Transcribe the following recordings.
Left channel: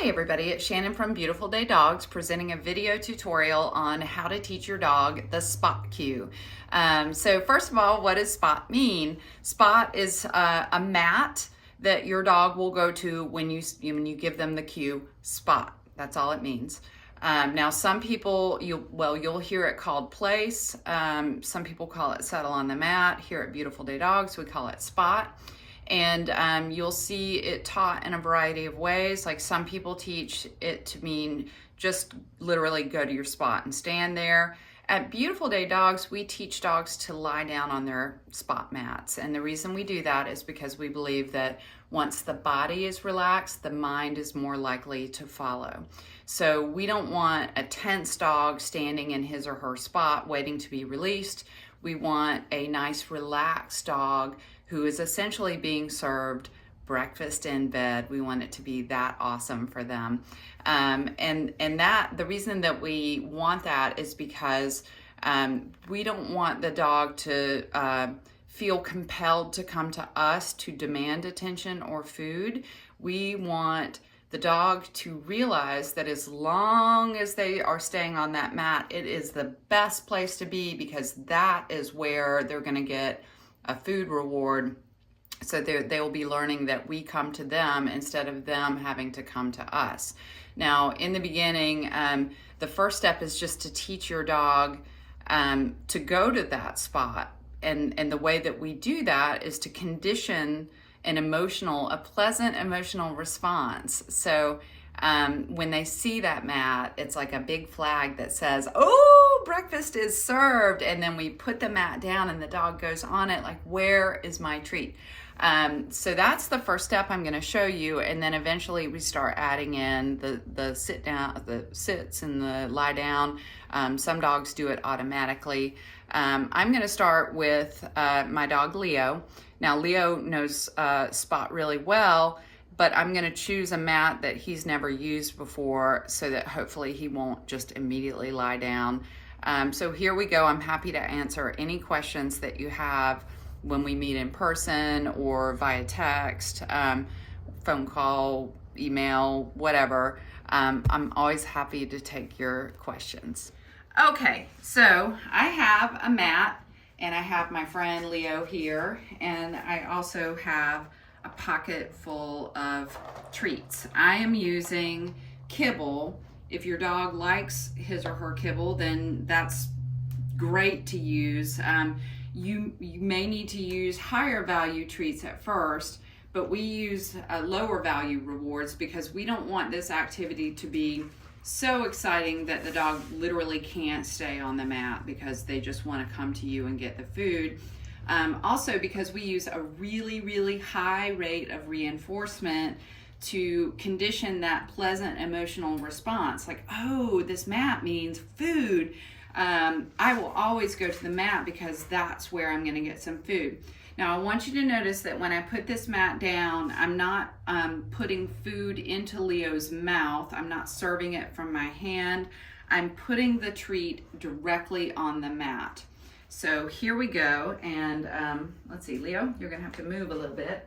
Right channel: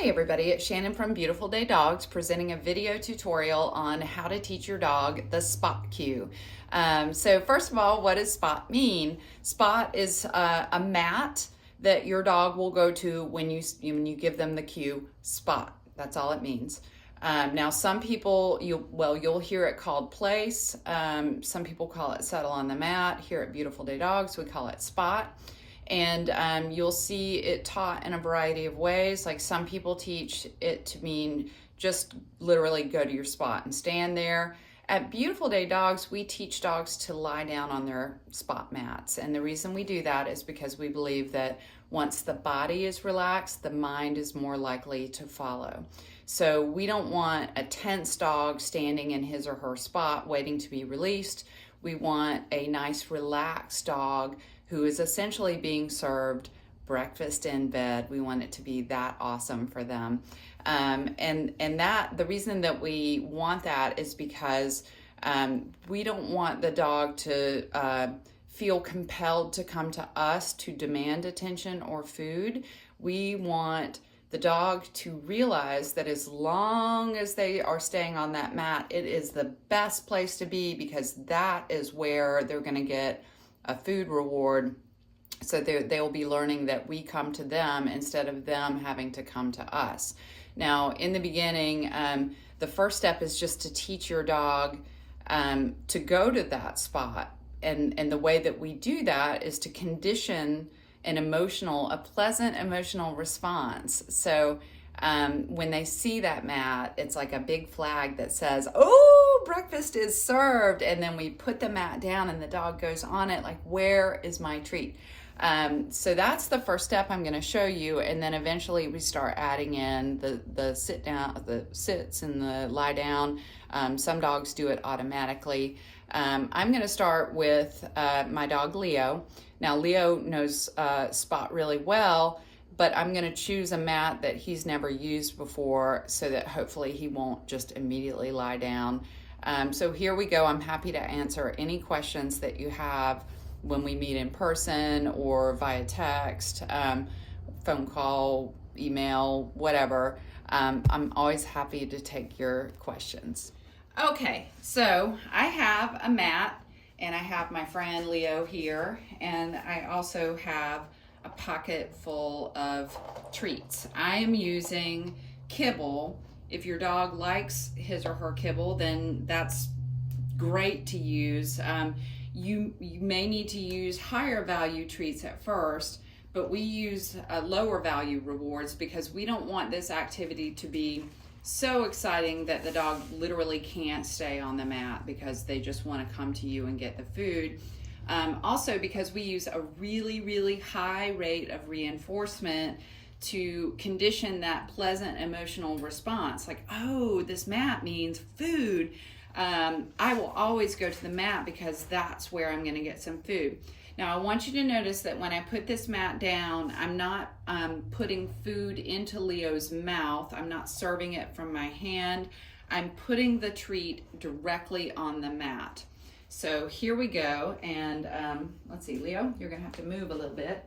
Hey everybody, it's Shannon from Beautiful Day Dogs presenting a video tutorial on how to teach your dog the spot cue. So first of all, what does spot mean? Spot is a mat that your dog will go to when you give them the cue, spot. That's all it means. Now some people, you'll hear it called place. Some people call it settle on the mat. Here at Beautiful Day Dogs, we call it spot. And you'll see it taught in a variety of ways. Like some people teach it to mean just literally go to your spot and stand there. At Beautiful Day Dogs, we teach dogs to lie down on their spot mats. And the reason we do that is because we believe that once the body is relaxed, the mind is more likely to follow. So we don't want a tense dog standing in his or her spot waiting to be released. We want a nice relaxed dog who is essentially being served breakfast in bed. We want it to be that awesome for them. And that the reason that we want that is because we don't want the dog to feel compelled to come to us to demand attention or food. We want the dog to realize that as long as they are staying on that mat, it is the best place to be because that is where they're gonna get a food reward. So they will be learning that we come to them instead of them having to come to us. Now, in the beginning, the first step is just to teach your dog to go to that spot. And the way that we do that is to condition a pleasant emotional response. So when they see that mat, it's like a big flag that says, oh, breakfast is served. And then we put the mat down and the dog goes on it like, where is my treat? So that's the first step I'm going to show you. And then eventually we start adding in the sit down, the sits and the lie down. Some dogs do it automatically. I'm going to start with my dog Leo. Now Leo knows spot really well, but I'm gonna choose a mat that he's never used before so that hopefully he won't just immediately lie down. So here we go. I'm happy to answer any questions that you have when we meet in person or via text, phone call, email, whatever. I'm always happy to take your questions. Okay, so I have a mat and I have my friend Leo here, and I also have a pocket full of treats. I am using kibble. If your dog likes his or her kibble, then that's great to use. You may need to use higher value treats at first, but we use lower value rewards because we don't want this activity to be so exciting that the dog literally can't stay on the mat because they just want to come to you and get the food. Also because we use a really, really high rate of reinforcement to condition that pleasant emotional response. Like, oh, this mat means food. I will always go to the mat because that's where I'm going to get some food. Now I want you to notice that when I put this mat down, I'm not putting food into Leo's mouth. I'm not serving it from my hand. I'm putting the treat directly on the mat. So here we go, and let's see, Leo, you're gonna have to move a little bit.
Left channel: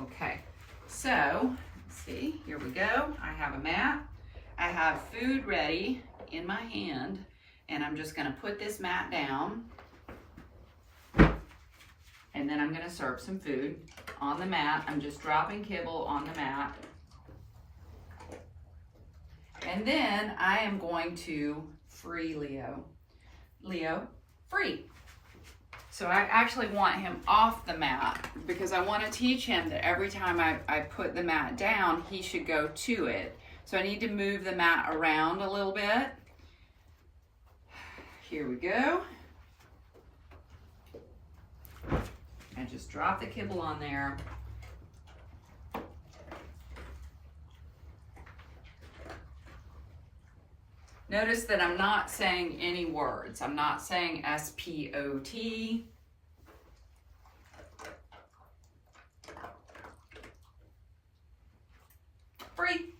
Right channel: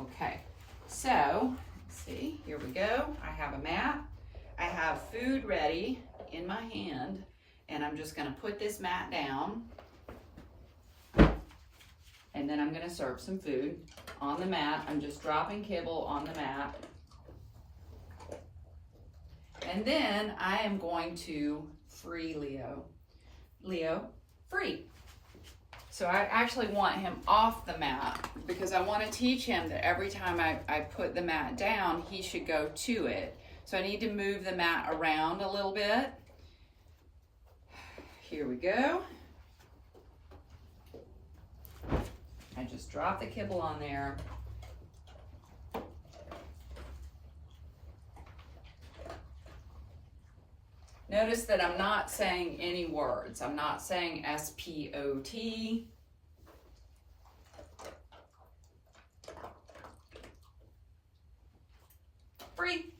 Okay, so let's see, here we go. I have a mat. I have food ready in my hand, and I'm just gonna put this mat down. And then I'm gonna serve some food on the mat. I'm just dropping kibble on the mat. And then I am going to free Leo. Leo, free. So I actually want him off the mat because I want to teach him that every time I put the mat down, he should go to it. So I need to move the mat around a little bit. Here we go. I just drop the kibble on there. Notice that I'm not saying any words. I'm not saying S-P-O-T. Free.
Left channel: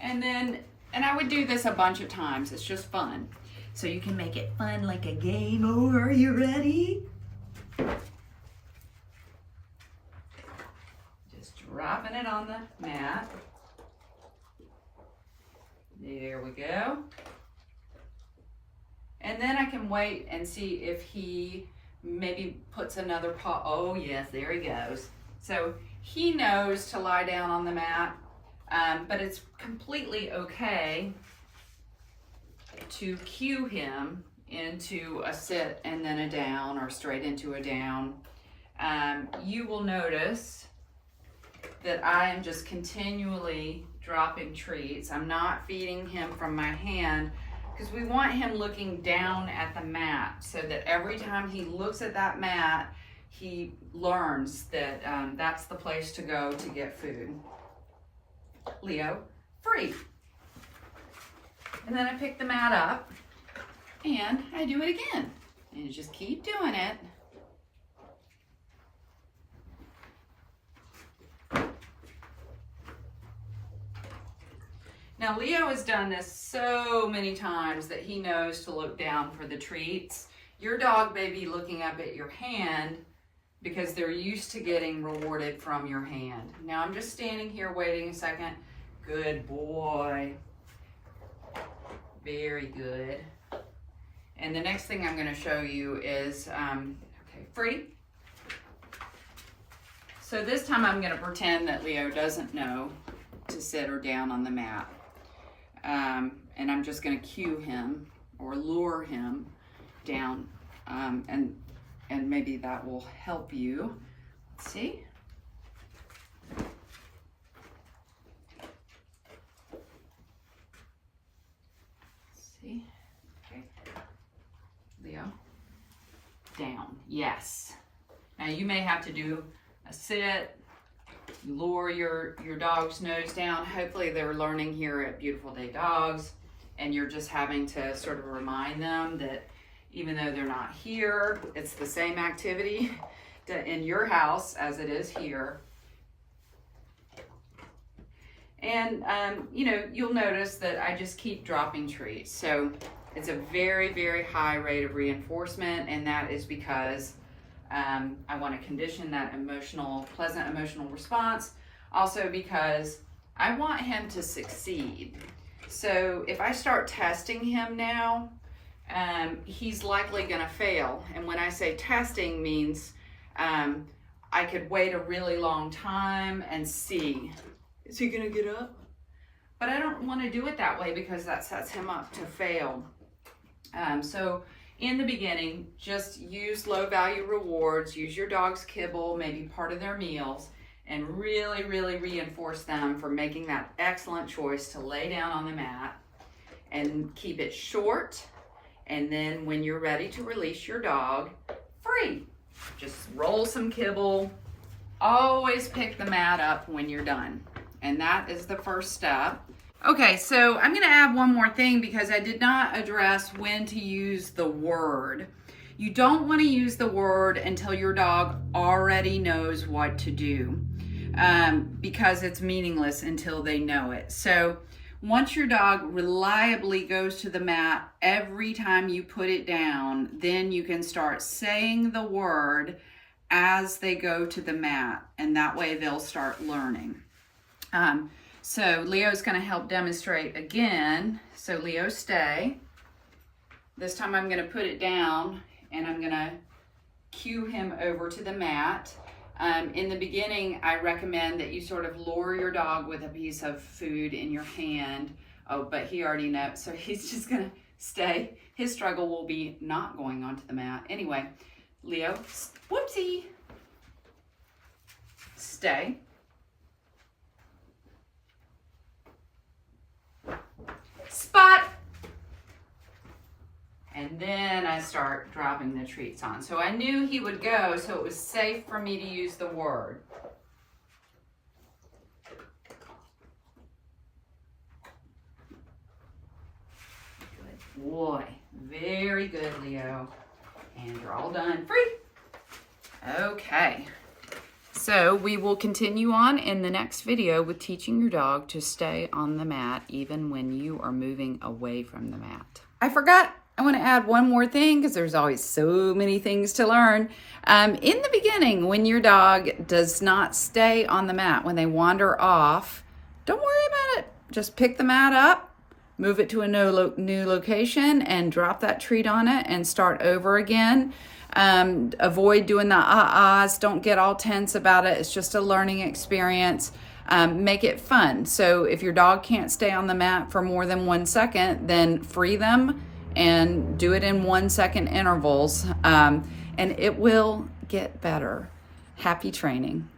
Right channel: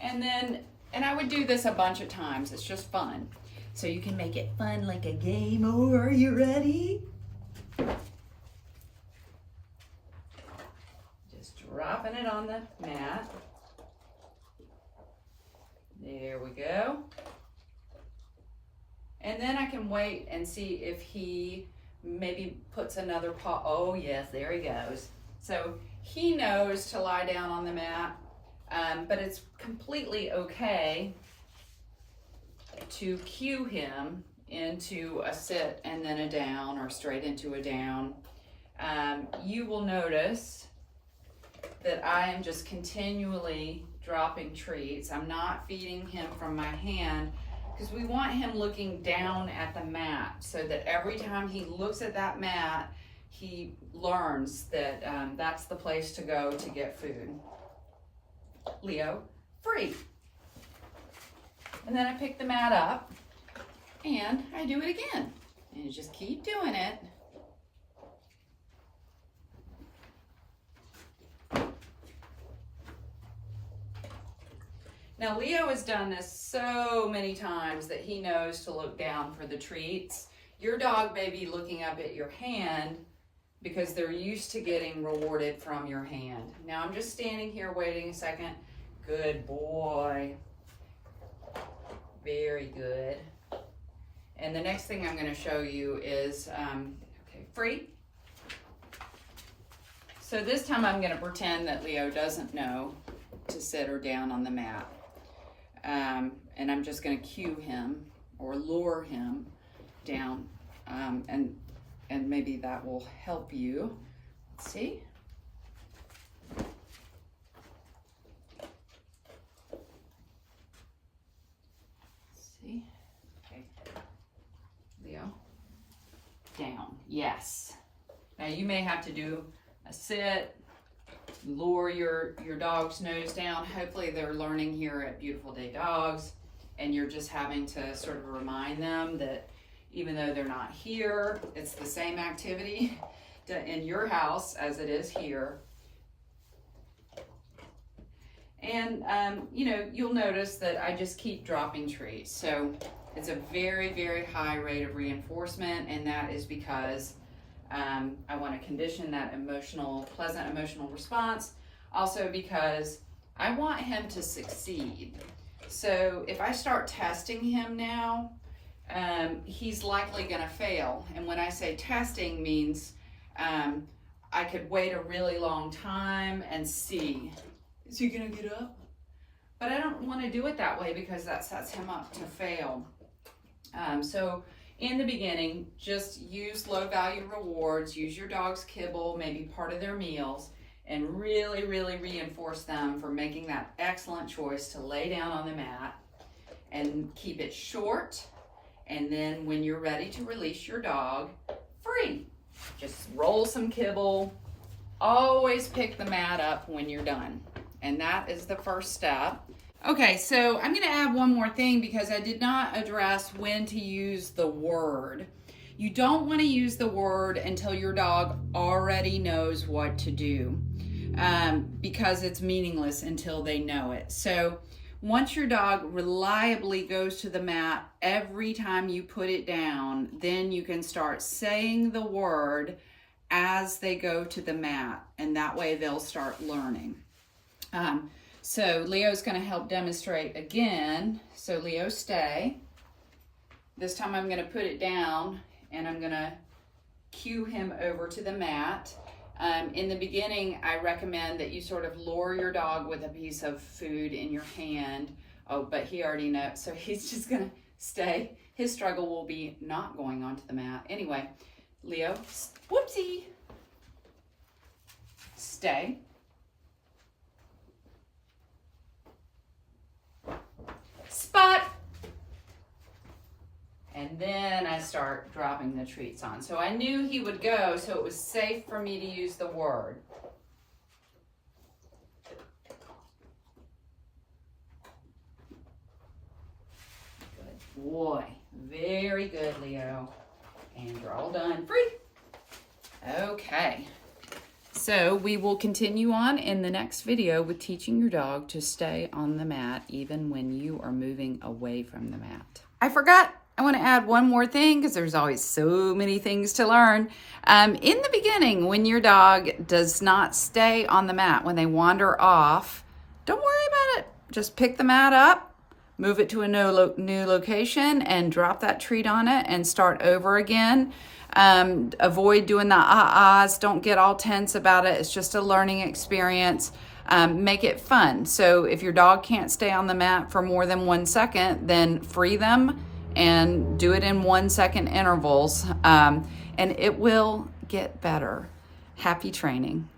And I would do this a bunch of times. It's just fun. So you can make it fun like a game. Oh, are you ready? Just dropping dropping it on the mat. There we go. And then I can wait and see if he maybe puts another paw. Oh yes, there he goes. So he knows to lie down on the mat, but it's completely okay to cue him into a sit and then a down, or straight into a down. You will notice that I am just continually dropping treats. I'm not feeding him from my hand, because we want him looking down at the mat, so that every time he looks at that mat, he learns that that's the place to go to get food. Leo, free. And then I pick the mat up and I do it again. And you just keep doing it. Now Leo has done this so many times that he knows to look down for the treats. Your dog may be looking up at your hand because they're used to getting rewarded from your hand. Now I'm just standing here waiting a second. Good boy. Very good. And the next thing I'm going to show you is, okay, free. So this time I'm going to pretend that Leo doesn't know to sit or down on the mat. And I'm just going to cue him or lure him down, and maybe that will help you. Let's see. See? Okay. Leo, down. Yes. Now you may have to do a sit. Lure your dog's nose down. Hopefully they're learning here at Beautiful Day Dogs, and you're just having to sort of remind them that even though they're not here, it's the same activity in your house as it is here. And you know, you'll notice that I just keep dropping treats. So it's a very, very high rate of reinforcement, and that is because I want to condition that pleasant emotional response. Also because I want him to succeed. So if I start testing him now, he's likely going to fail. And when I say testing means I could wait a really long time and see, is he going to get up? But I don't want to do it that way because that sets him up to fail. So in the beginning, just use low value rewards, use your dog's kibble, maybe part of their meals, and really, really reinforce them for making that excellent choice to lay down on the mat, and keep it short. And then when you're ready to release your dog, free. Just roll some kibble. Always pick the mat up when you're done. And that is the first step. Okay, so I'm gonna add one more thing because I did not address when to use the word. You don't wanna use the word until your dog already knows what to do, because it's meaningless until they know it. So once your dog reliably goes to the mat every time you put it down, then you can start saying the word as they go to the mat, and that way they'll start learning. So Leo's going to help demonstrate again. So Leo, stay. This time I'm going to put it down and I'm going to cue him over to the mat. In the beginning, I recommend that you sort of lure your dog with a piece of food in your hand. Oh, but he already knows, so he's just going to stay. His struggle will be not going onto the mat. Anyway, Leo, whoopsie. Stay. Spot. And then I start dropping the treats on. So I knew he would go, so it was safe for me to use the word. Good boy. Very good, Leo. And you're all done. Free. Okay. So we will continue on in the next video with teaching your dog to stay on the mat even when you are moving away from the mat. I forgot, I want to add one more thing because there's always so many things to learn. In the beginning, when your dog does not stay on the mat, when they wander off, don't worry about it. Just pick the mat up, move it to a new location, and drop that treat on it and start over again. Avoid doing the ahs. Don't get all tense about it. It's just a learning experience. Make it fun. So if your dog can't stay on the mat for more than 1 second, then free them and do it in 1 second intervals. And it will get better. Happy training.